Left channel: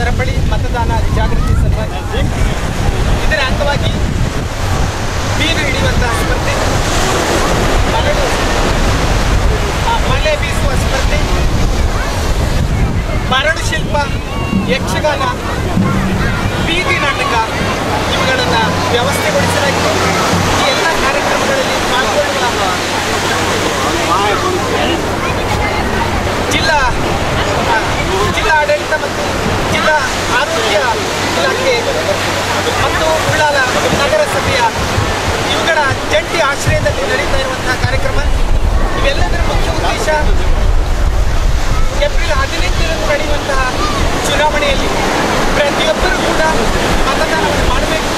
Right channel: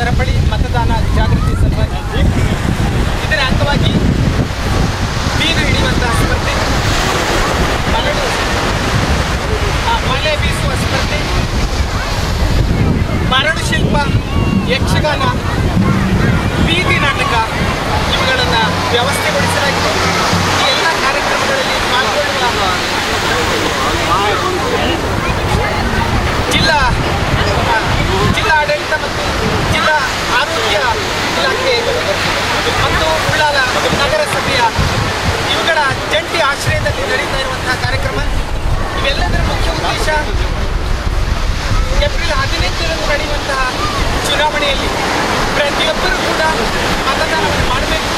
ಸರಪಳಿ ಮತದಾನ ಜಾಗೃತಿ ಸಲುವಾಗಿ ಇದರ ಅಂಗವಾಗಿ ಬೀರು ಹಿಡಿಯುವಂತಹ ಸ್ಪರ್ಧೆ, ಮಳೆ ಬೀಸುವ ಸ್ಪರ್ಧೆ, ಮರಳು ಶಿಲ್ಪ, ಯಕ್ಷಗಾನ, ಬೀದಿ ನಾಟಕ ಇವುಗಳನ್ನು ವ್ಯವಸ್ಥೆಗೊಳಿಸಲಾಗಿದೆ. ಈ ಎಲ್ಲ ಕಾರ್ಯಕ್ರಮಗಳಲ್ಲಿ ಪಾಲ್ಗೊಳ್ಳುವ ಜಿಲ್ಲಾ ಆಡಳಿತ ಮತ್ತು ಜಿಲ್ಲಾ ಆರೋಗ್ಯ ಇಲಾಖೆ ಮತ್ತು ಉಳ್ಳಾಲ ನಗರಸಭೆಯ ಇವುಗಳ ಜಂಟಿ ಆಶ್ರಯದಲ್ಲಿ ನಡೀತಾ ಇರುವಂತಹ ಕಾರ್ಯಕ್ರಮ. ಇವೆಲ್ಲದರ ಮುಖ್ಯ ಉದ್ದೇಶ ಏಪ್ರಿಲ್ 18ರಂದು ನಡೆಯುವಂತಹ ಚುನಾವಣೆಯಲ್ಲಿ ಪ್ರತಿಯೊಬ್ಬರೂ ಕೂಡ ಮತದಾನವನ್ನು ಮಾಡಬೇಕು.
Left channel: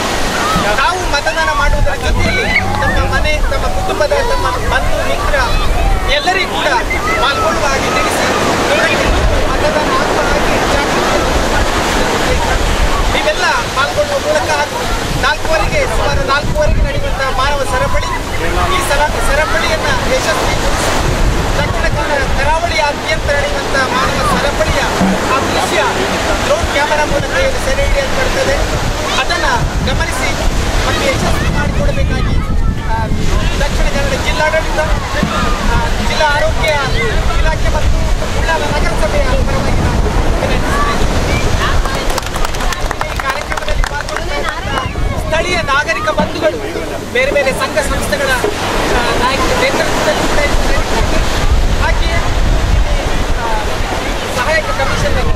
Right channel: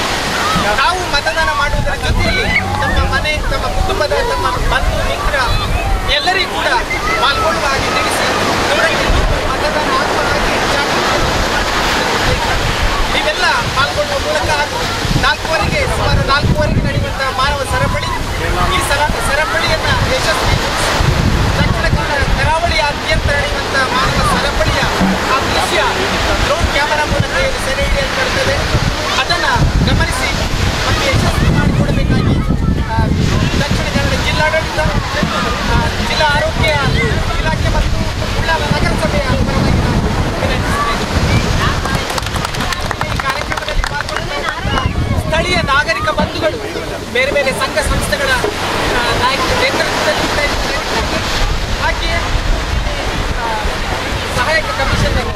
ನಾವು ಮತದಾನ ಮಾಡುವುದರ ಜೊತೆಯಲ್ಲಿ ತಮ್ಮ ಮನೆ, ತಮ್ಮ ಕುಟುಂಬದ, ತಮ್ಮ ಬಂಧು ಮಿತ್ರ ಎಲ್ಲರಿಗೂ ಕೂಡ ಪಾಲ್ಗೊಳ್ಳುವ ಹಾಗೆ ತಿಳಿಸಿ ಮತದಾನ ಆಗುವ ಹಾಗೆ ನೀವೆಲ್ಲ ಪಾಲ್ಗೊಳ್ಳುವ ಮೂಲಕ ಸುಮಾರು 4:15 ನಡೆಯುವಂತಹ ಮಾನವ ಸರಪಳಿ, ಈ ಸರಪಳಿಯನ್ನು ಯಶಸ್ವಿಗೊಳಿಸಿ ದಕ್ಷಿಣ ಕನ್ನಡ ಕರಾವಳಿಯಾದ್ಯಂತ ನಡೆಯುವಂತಹ ಮಾನವ ಸರಪಳಿಯ ಆ ದೃಶ್ಯ ಡ್ರೋನ್ ಕ್ಯಾಮರಾ ಮೂಲಕ ಸೆರೆ ಹಿಡಿಯಲ್ಪಡುತ್ತದೆ. ಅದನ್ನು ಗಮನಿಸಿ ಮತ್ತು ಯಶಸ್ವಿ ಮಾಡಿಕೊಡಬೇಕಾಗಿ ದಕ್ಷಿಣ ಕನ್ನಡ ಜಿಲ್ಲಾಡಳಿತ, ಜಿಲ್ಲಾ ಆರೋಗ್ಯ ಇಲಾಖೆ ಮತ್ತು ಉಳ್ಳಾಲ ನಗರಸಭೆಯ ಪರವಾಗಿ ನಾನು ವಿನಂತಿಸುತ್ತೇನೆ. ಈ ಕಾರ್ಯಕ್ರಮದಲ್ಲಿ ಪಾಲ್ಗೊಳ್ಳುವ ಸ್ಥಳೀಯ ನಾಗರಿಕ ಬಂಧುಗಳು ಬೇರೆ ಬೇರೆ ಸಂಘ ಸಂಸ್ಥೆಗಳ ನಾಯಕರ ನೇತೃತ್ವದಲ್ಲಿ ಹಾಗೆಯೇ ಸಹಾಯಕ ಕಮಿಷನರ್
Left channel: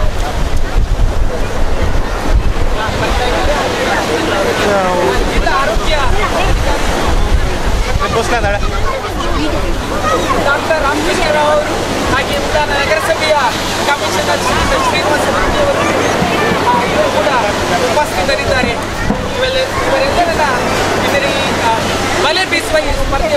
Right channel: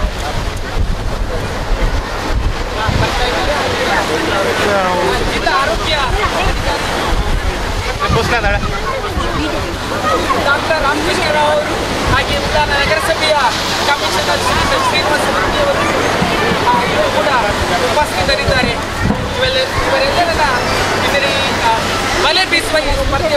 ಜಿಲ್ಲಾ ಆರೋಗ್ಯ ಡಾಕ್ಟರ್ ರಾಮಕೃಷ್ಣ ರಾವ್ ಅವರು, ಹಾಗೆ ಉಳ್ಳಾಲ ನಗರಸಭೆಯ ಕಮಿಷನರ್ ಶ್ರೀನಿವಾಸ ಮೂರ್ತಿಯವರು ಇವರು ಕೂಡ ಉಪಸ್ಥಿತರಿದ್ದಾರೆ. ಇವರೆಲ್ಲರನ್ನ ಇದರ ಮಲೆ ಬೀಸುವ ಈ ಸ್ಪರ್ಧೆ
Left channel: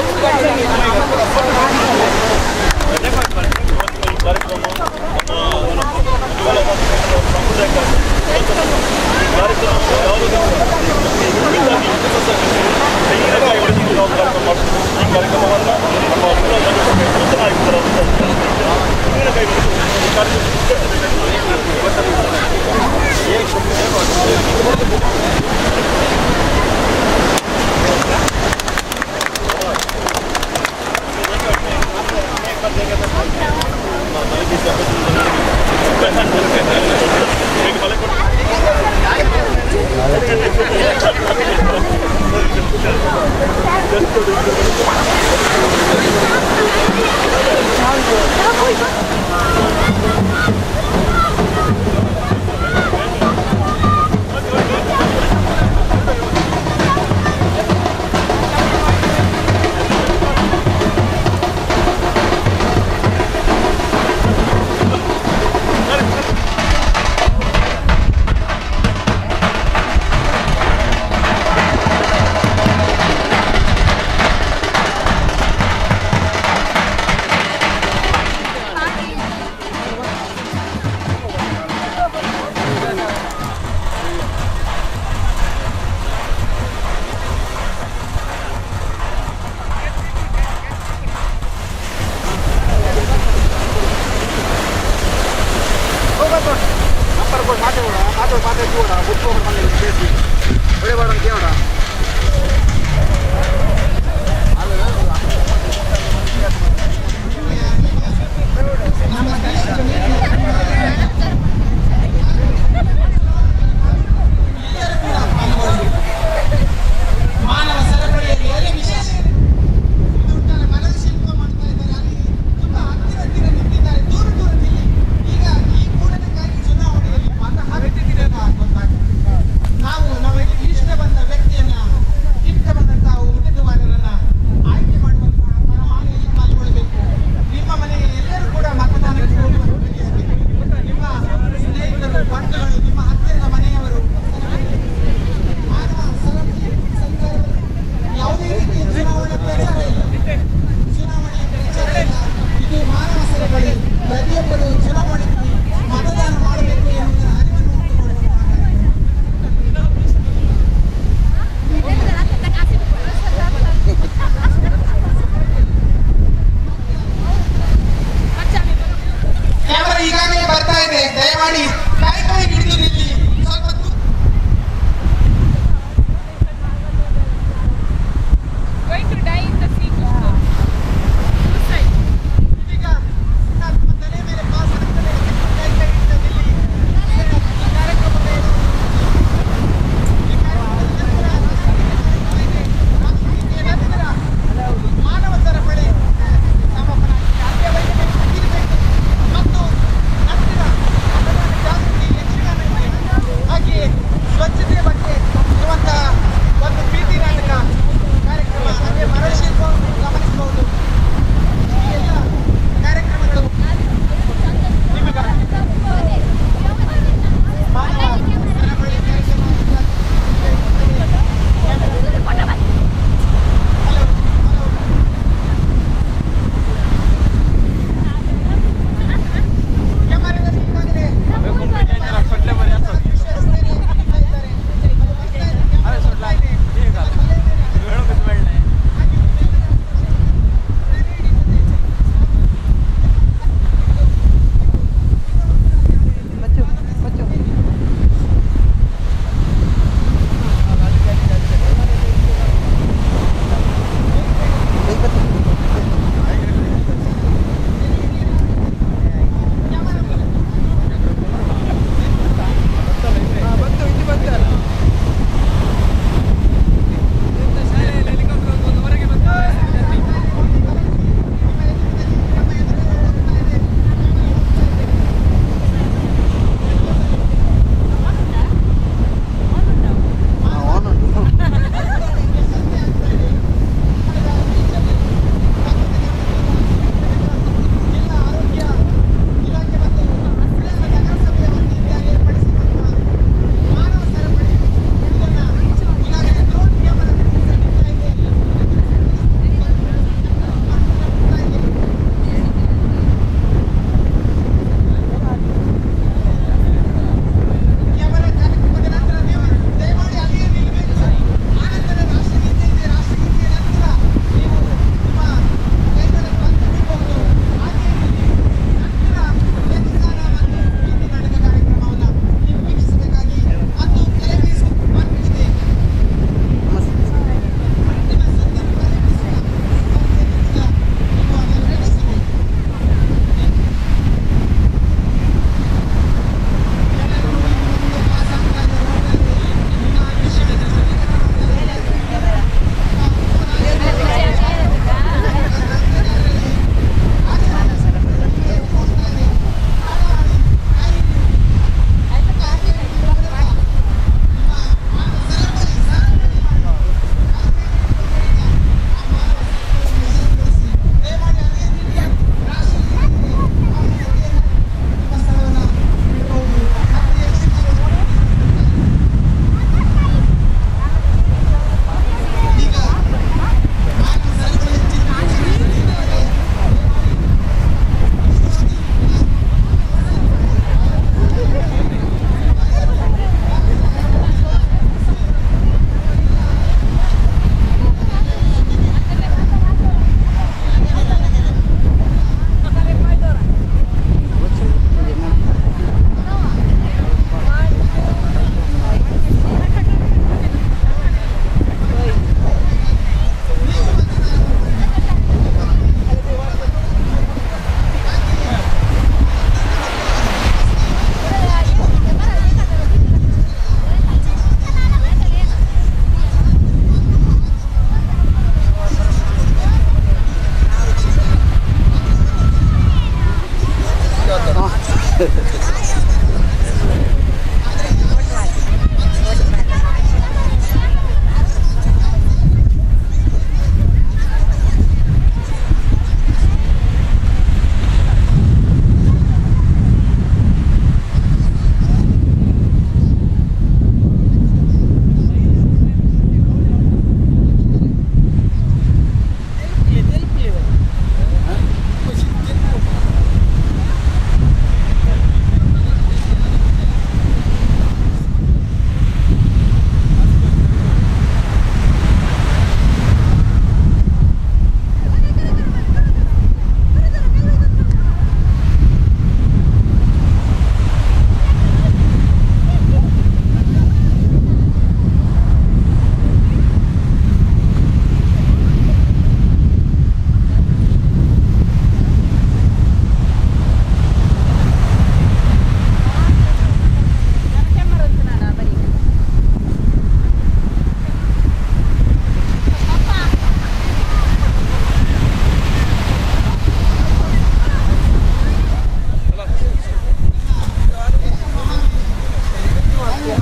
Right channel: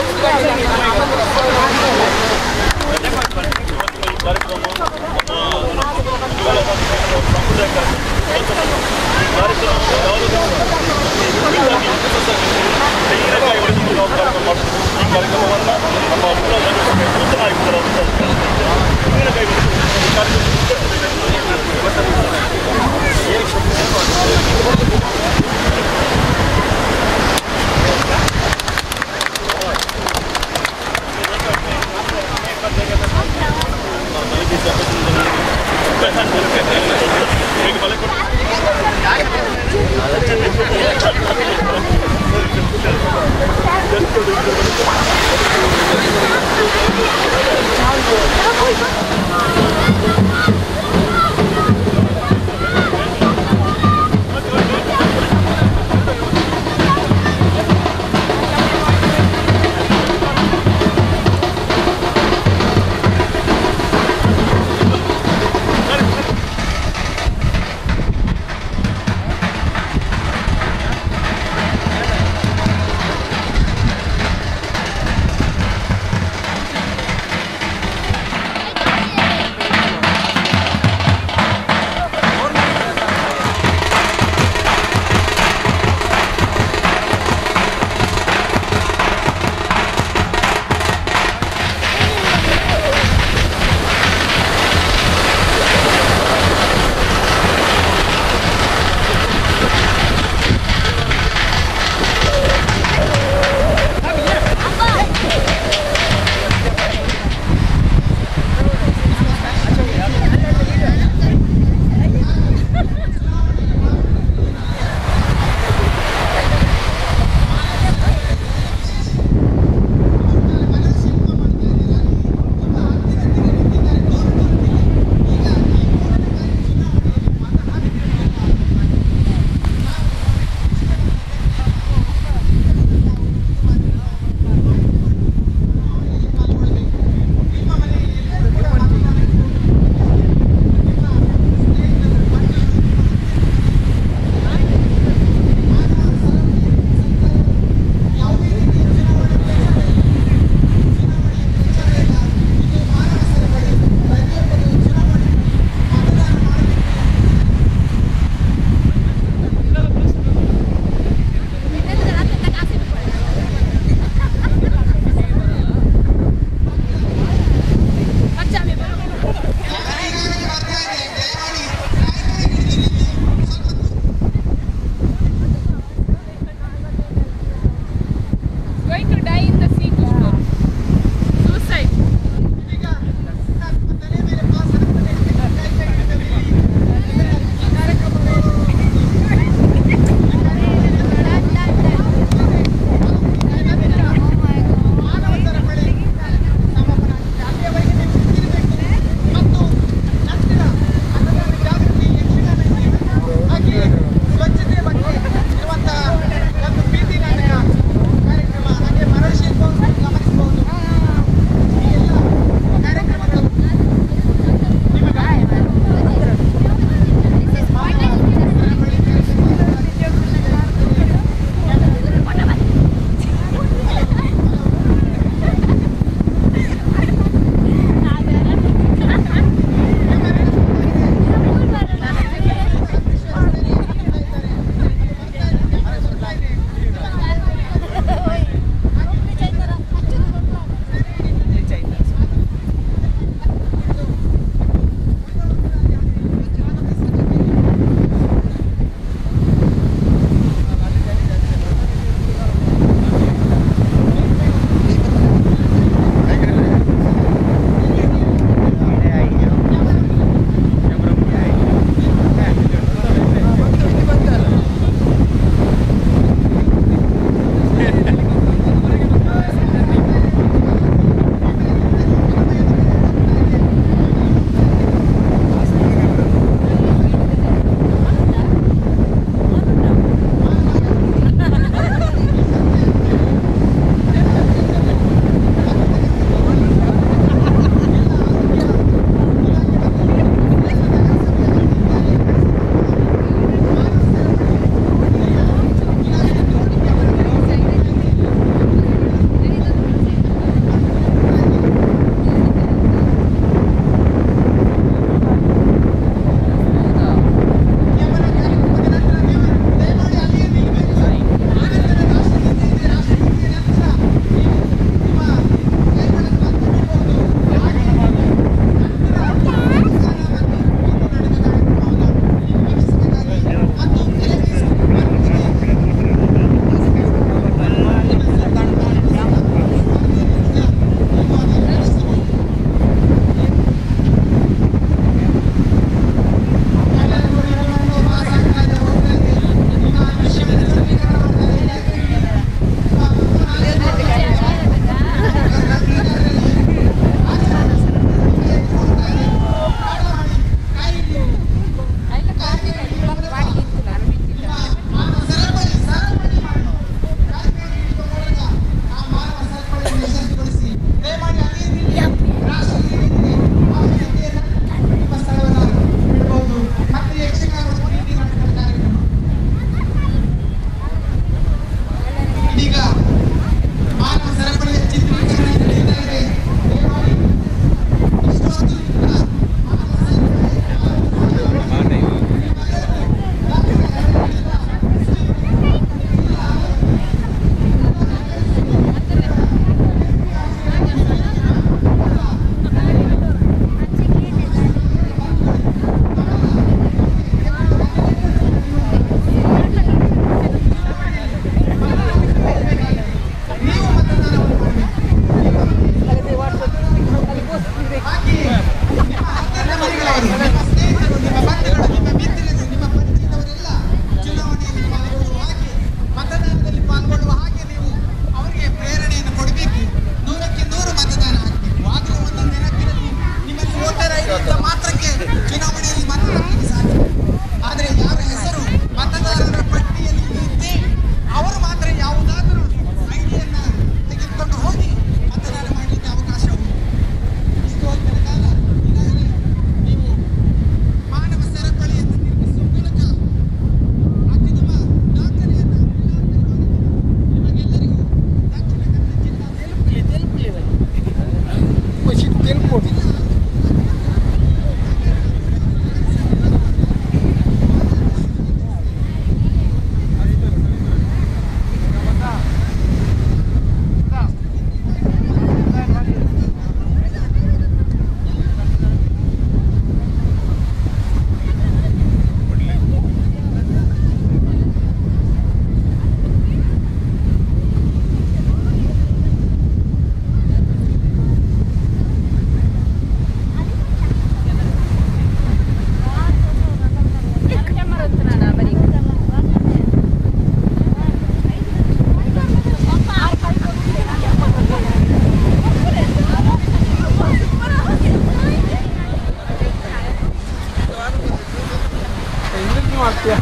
ಮಾಡ್ತೀಯ?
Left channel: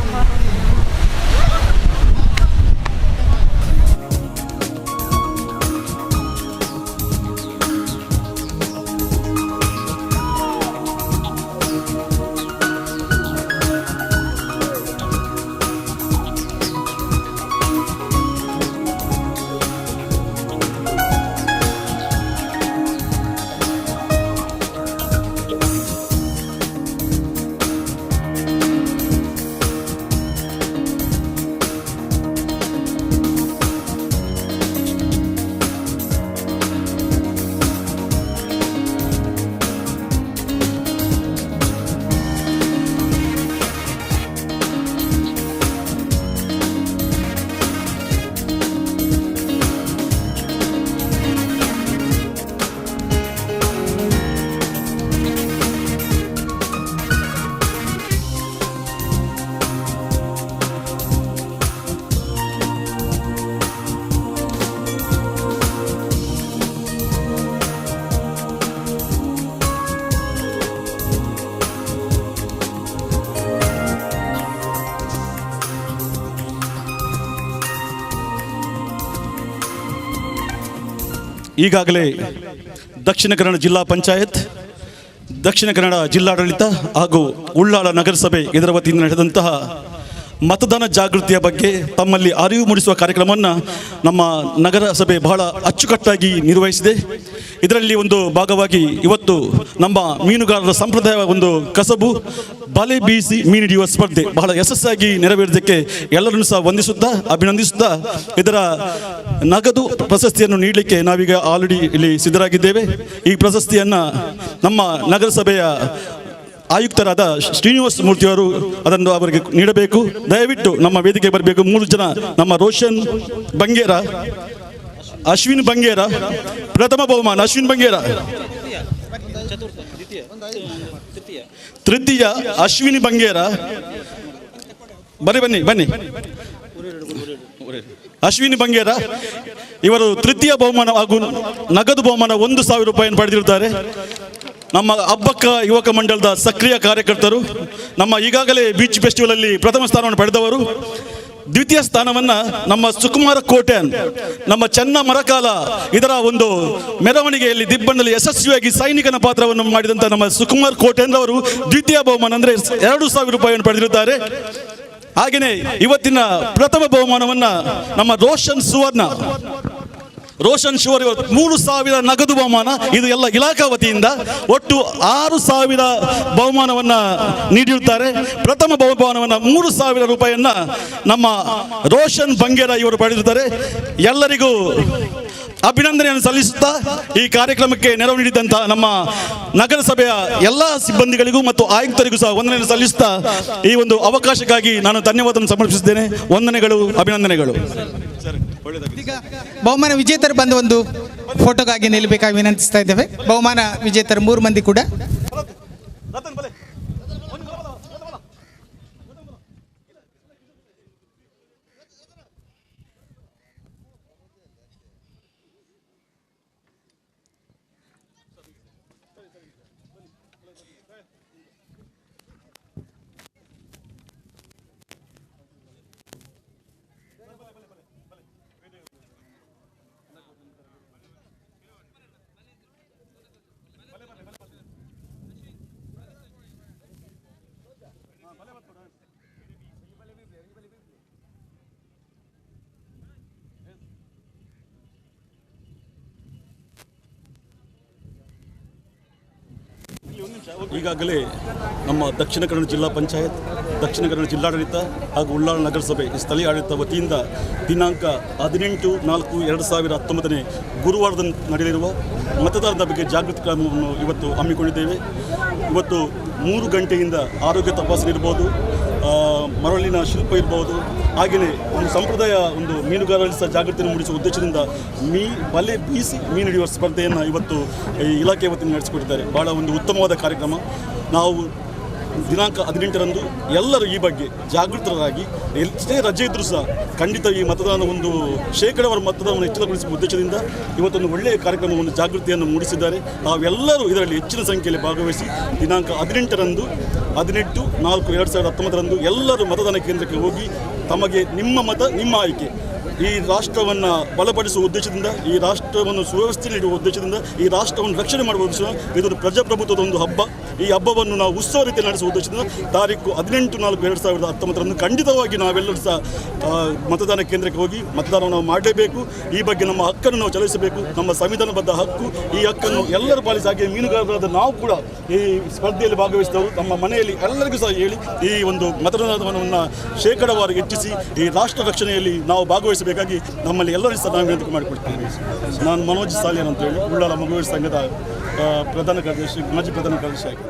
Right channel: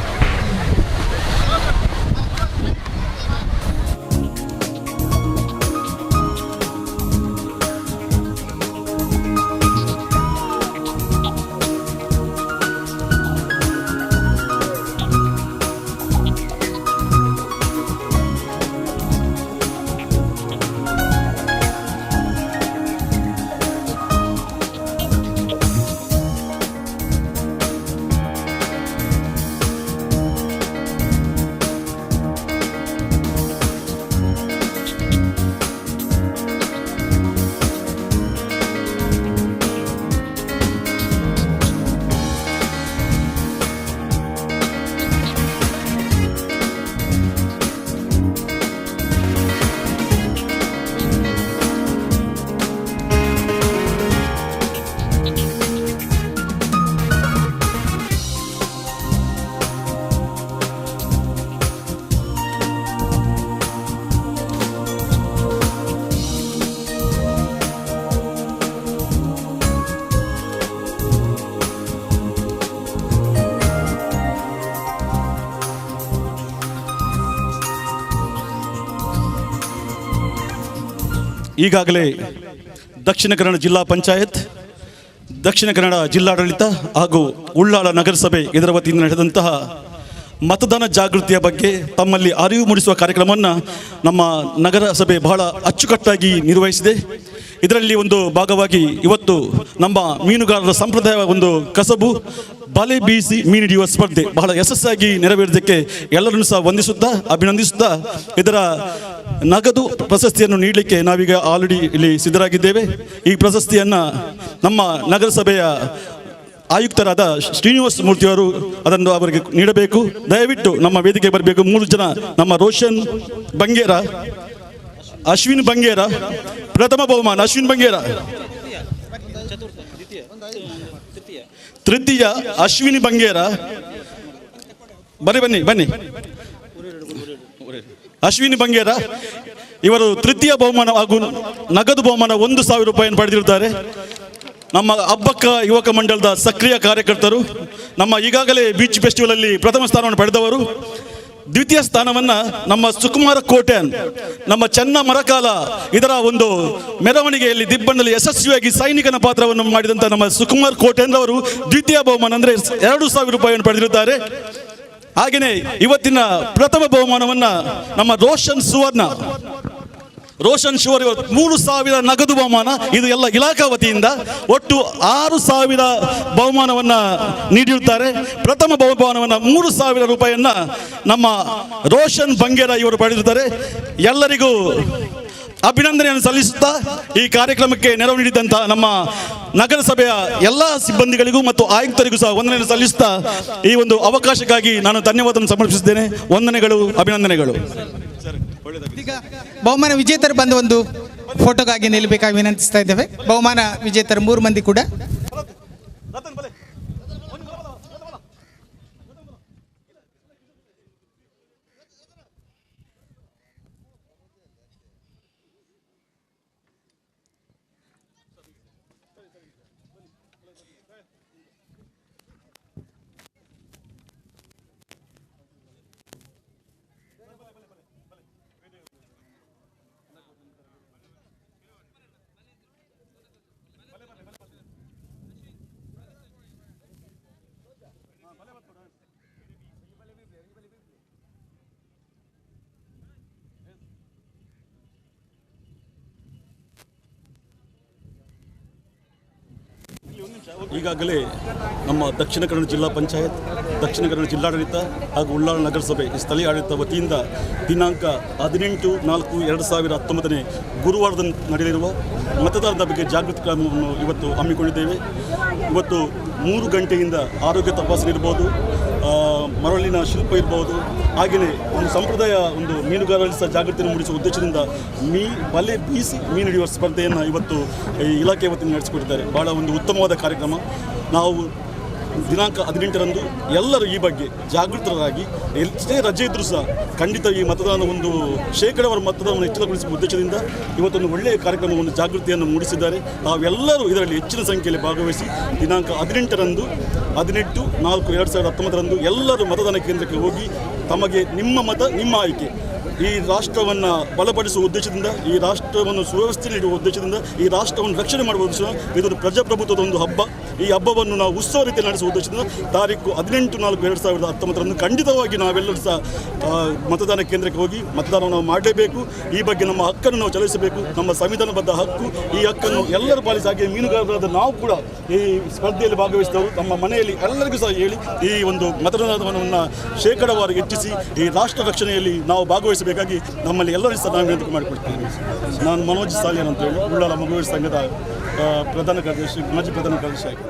ಈಗಾಗಲೇ ದಕ್ಷಿಣ ಕನ್ನಡ ಜಿಲ್ಲಾ ಪಂಚಾಯತ್, ದಕ್ಷಿಣ ಕನ್ನಡ ಜಿಲ್ಲಾಡಳಿತ ಹಾಗೂ ಉಳ್ಳಾಳ ನಗರಸಭೆ ಇದರ ವತಿಯಿಂದ ನಡೆದಂತಹ ಮತದಾನ ಜಾಗೃತಿಯ ಬಗ್ಗೆ ತಮ್ಮಲ್ಲಿ ಅರಿವು ಮೂಡಿಸುವ ಕಾರ್ಯಕ್ರಮವನ್ನು ನಮ್ಮ ನಗರಸಭೆ ಬಹಳ ಅಚ್ಚುಕಟ್ಟಾಗಿ ನಿರ್ವಹಿಸಿದೆ. ಇದರಲ್ಲಿ ಒಂದು ಭಾಗವಾಗಿ ಇವತ್ತು ನಮ್ಮ ಮೀನುಗಾರರ ಸಂಪ್ರದಾಯ ಒಂದು ಕಸಬು ಬಲೆ ಬೀಸಿ ಮೀನು ಹಿಡಿಯುವ ಸ್ಪರ್ಧೆ ಬಹಳ ಯಶಸ್ಸಾಗಿ ನೆರವೇರಿದ್ದಕ್ಕೆ ಎಲ್ಲರನ್ನು ಸಹ ವಂದಿಸುತ್ತಾ ಅಭಿನಂದಿಸುತ್ತಾ ಇದರ ನಗದು ಪ್ರಶಸ್ತಿಯನ್ನು ನೀಡಲಿಕ್ಕೆ ನಾವೀಗ ಆಲ್ರೆಡಿ ಇಲ್ಲಿ ಸಿದ್ಧರಾಗಿದ್ದೇವೆ. ಈ ಪ್ರಶಸ್ತಿಯನ್ನು ನಮ್ಮ ನಗರಸಭೆಯ ಆಯುಕ್ತರಾದ ಶ್ರೀನಿವಾಸ ಮೂರ್ತಿಯವರು ಅದನ್ನು ಅವರಿಗೆ ನೀಡಬೇಕು. ದಯವಿಟ್ಟು ನಮ್ಮ ವೇದಿಕೆ ಬರಬೇಕು. 3 ಜನ ನಮ್ಮ ರೋಷನ್ ಬಂಗೇರ, ಅಶ್ವಿನ್ ಬಂಗೇರ, ಪ್ರಥಮ ಬಹುಮಾನ ಅಶ್ವಿನ್ ಬಂಗೇರ, ತೃತೀಯ ಅಶ್ವಿನಿ ಬಂಗೇರ. ಬನ್ನಿ ಬನ್ನಿ ಅಶ್ವಿನಿ ಬಂಗೇರ ಇವರು ತೃತೀಯ ಬಹುಮಾನ ಹಾಗೂ ನಗದು ಬಹುಮಾನ 1,000 ರೂಪಾಯಿಯನ್ನು ಪಡೆದಿರುತ್ತಾರೆ. ನಮ್ಮ ಹಬ್ಬಕ್ಕ ಯುವಕ ಮಂಡಲದ ಸಕ್ರಿಯ ಕಾರ್ಯಕರ್ತರು, ನಮ್ಮ ಈಗಾಗಲೇ ಬೀಚ್ ಫೆಸ್ಟಿವಲ್ ಅಲ್ಲಿ ಪ್ರಥಮ ಸ್ಥಾನವನ್ನು ಪಡೆದವರು. ದ್ವಿತೀಯ ಸ್ಥಾನವನ್ನು ನಮ್ಮ ಸುಕುಮಾರ ಕೋಟ್ಯಾನ್, ನಮ್ಮ ಚೆನ್ನ ಮರಕಾಲ ಇದರ ಒಂದು ಮೆರವಣಿಗೆಯಲ್ಲಿ ದಿಬ್ಬಣ್ಣಲ್ಲಿ ಯಶಸ್ವಿಯಾಗಿ ಸೈನಿಕನ ಪಾತ್ರವನ್ನು ಮಾಡಿದಂಥ ನಮ್ಮ ಸುಕುಮಾರ್ ಕೋಟ್ಯಾನ್ ಅವರು ದ್ವಿತೀಯ ಬಹುಮಾನ ಅಂದರೆ 2,000 ರೂಪಾಯಿಯನ್ನು ಪಡೆದಿರುತ್ತಾರೆ. ಹಾಗೆಯೇ ಇವತ್ತಿನ ಪ್ರಥಮ ಬಹುಮಾನವನ್ನು ನಮ್ಮ ರೋಷನ್ ಶಿವರ್ 3,000 ನಗದು ಬಹುಮಾನ, ಇದು ಎಲ್ಲ ಇಲಾಖಾ ವತಿಯಿಂದ ಒಟ್ಟು 6,000 ಬಹುಮಾನವನ್ನು ನೀಡಿರುತ್ತಾರೆ. ಪ್ರಥಮ ಬಹುಮಾನವನ್ನು 3,000 ರೂಪಾಯಿಯನ್ನು ನಮ್ಮ ರೋಷನ್ ಬಂಗೇರ ಇವರು ಪಡೆದಿರುತ್ತಾರೆ. ಎಲ್ಲರಿಗೂ ಅಭಿನಂದನೆಯನ್ನು ಸಲ್ಲಿಸುತ್ತಾ ಈ ಕಾರ್ಯಕ್ರಮಕ್ಕೆ ನೆರವು ನೀಡಿದಂತಹ ನಮ್ಮ ನಗರಸಭೆಯ ಎಲ್ಲ ಸಿಬ್ಬಂದಿಗಳಿಗೂ ಮತ್ತು ಆಯುಕ್ತರಿಗೂ ಸಹ ವಂದನೆಯನ್ನು ಸಲ್ಲಿಸುತ್ತಾ ಈ ಒಂದು ಅವಕಾಶಕ್ಕಾಗಿ ನಾನು ಧನ್ಯವಾದವನ್ನು ಸಮರ್ಪಿಸಿದ್ದೇನೆ. ವಂದನೆಗಳು, ಅಭಿನಂದನೆಗಳು. ಈಗ ಬಹುಮಾನ ವಿಜೇತರು ಬಂದು ಒಂದು ಫೋಟೋಗಾಗಿ ನಿಲ್ಲಬೇಕಾಗಿ ವಿನಂತಿಸ್ತಾ ಇದ್ದೇವೆ. ಬಹುಮಾನ ವಿಜೇತರು 3 ಮಂದಿ ಕೂಡ ಈಗಾಗಲೇ ನಮ್ಮ ದಕ್ಷಿಣ ಕನ್ನಡ ಜಿಲ್ಲಾ ಪಂಚಾಯತ್, ದಕ್ಷಿಣ ಕನ್ನಡ ಜಿಲ್ಲಾಡಳಿತ ಹಾಗೂ ಉಳ್ಳಾಳ ನಗರಸಭೆ ಸ್ಥಳೀಯ ಆಡಳಿತ ವತಿಯಿಂದ ದಿನಾಂಕ 18/4/2019 ಗುರುವಾರದಂದು ನಡೆಯಲಿರುವ ಮತದಾರರ ಬಗ್ಗೆ ಜಾಗೃತಿ ಕ್ರಮವನ್ನು ಇವತ್ತು ಹಮ್ಮಿಕೊಂಡಿದ್ದೇವೆ. ಇವತ್ತು 3 ಗಂಟೆಯಿಂದ ಆರೋಗ್ಯ ತಪಾಸಣೆ ಇರ್ಬೋದು, ಮರಳಿನ ಶಿಲ್ಪ ಇರ್ಬೋದು, ಹಾಗೆಯೇ ಒಂದು ಸಂಪ್ರದಾಯ ಒಂದು ಮೀನುಗಾರರಲ್ಲಿ ಸಹ ಜಾಗೃತಿಯನ್ನು ಮೂಡಿಸುವ ಉದ್ದೇಶದಿಂದ ಬಲೆ ಬೀಸಿ ಮೀನು ಹಿಡಿಯುವ ಸ್ಪರ್ಧೆಯನ್ನು ಇವತ್ತು ಈ ಇಲಾಖೆ ವತಿಯಿಂದ ನಡೆಸಿಕೊಟ್ಟಿದ್ದಾರೆ. ಭಾಳ ಒಂದು ಉತ್ತಮವಾದ ಕಾರ್ಯಕ್ರಮ. ನಾವು ದಿನಾಂಕ 18ರಂದು ಎಲ್ಲರೂ ಈ ಬಗ್ಗೆ ಜಾಗೃತರಾಗಿ ಎಷ್ಟೇ ರಜೆ ಇದ್ದರೂ ಸಹ ಖಂಡಿತ ಈ ಮತದಾನ ಒಂದು ಶೇಕಡಾವಾರು ಮತದಾನವನ್ನು ಹೆಚ್ಚಳಗೊಳಿಸುವ ಉದ್ದೇಶದಿಂದ ಇವತ್ತೊಂದು ಒಳ್ಳೆಯ ಕಾರ್ಯಕ್ರಮವನ್ನು ಜಾಗೃತಿಯನ್ನು ಮೂಡಿಸಿದ್ದಾರೆ. ತಾವೆಲ್ಲರೂ ಇದರಲ್ಲಿ ಹೆಚ್ಚಿನ ಸಂಖ್ಯೆಯಲ್ಲಿ ಭಾಗವಹಿಸಿ ದಿನಾಂಕ 18ರಂದು 18/4/2019 ಎಲ್ಲರೂ ಮತದಾನ ಕೇಂದ್ರಕ್ಕೆ ಹೋಗಿ ತಮಗೆ ನಿಮ್ಮ ಮತ ನಿಮ್ಮ ಆಯ್ಕೆ ಈ ರಾಷ್ಟ್ರವನ್ನು ಬಲಪಡಿಸುವ ಉದ್ದೇಶದಿಂದ, ಈ ರಾಷ್ಟ್ರವನ್ನು ಸುವ್ಯವಸ್ಥೆ ನೀಡುವ ಉದ್ದೇಶದಿಂದ, ಈ ರಾಷ್ಟ್ರವನ್ನು ರಕ್ಷಣೆ ಮಾಡುವ ಉದ್ದೇಶದಿಂದ ಇದೊಂದು ಪ್ರಜಾಪ್ರಭುತ್ವದ ಒಂದು ಹಬ್ಬ. ಈ ಹಬ್ಬವನ್ನು ನಾವು ಉತ್ಸವ ರೀತಿಯಲ್ಲಿ ನಡೆಸುವ ಉದ್ದೇಶದಿಂದ ತಾರೀಕು 18/4/2019 ಖಂಡಿತವಾಗಿ ನಾವೆಲ್ಲರೂ ಸಹ ಮತದಾನ ಕೇಂದ್ರಕ್ಕೆ ಹೋಗಿ ಮತದಾನವನ್ನು ನಾವು ಮಾಡಲೇಬೇಕು. ಈ ಬಗ್ಗೆ ನಮ್ಮ ಹಕ್ಕನ್ನು ನಾವು ಚಲಾಯಿಸಬೇಕು. ನಮ್ಮ ಸಂವಿಧಾನಬದ್ಧ ಹಕ್ಕು. ಈ ಹಕ್ಕನ್ನು ಎಲ್ಲರೂ ಪಾಲಿಸಿ, ಹಾಗೆ ಮೀನುಗಾರರಾದ ನಾವು ಕೂಡ ಈ ಸ್ಪರ್ಧೆಯಲ್ಲಿ ಭಾಗವಹಿಸಿದವರು ನಮ್ಮ ಮನೆಯಲ್ಲಿ ಎಲ್ಲರಿಗೂ ಸಹ ಹೇಳಿ ಈ ಒಂದು ಮತದಾನವನ್ನು ಶೇಕಡಾವಾರು ಹೆಚ್ಚಿಸಿ ಈ ರಾಷ್ಟ್ರ ರಕ್ಷಣೆಯಲ್ಲಿ ನಾವು ಭಾಗವಹಿಸಬೇಕಾಗಿ ನಮ್ಮಲ್ಲಿ ಎಲ್ಲರೂ ಸಹ ನಾವು ವಿನಂತಿ ಮಾಡಿಕೊಳ್ತೇವೆ. ನಾನು ಮನೋಜ್ ಸಾಲಿಯನ್ ಅಂತ ಹೇಳಿ ಉಳ್ಳಾಲ ಮಗುವೀರ ಸಂಘದ ಪ್ರಧಾನ ಕಾರ್ಯದರ್ಶಿ, ಮಾಜಿ ಪ್ರಧಾನ ಕಾರ್ಯದರ್ಶಿ ಆಗಿ.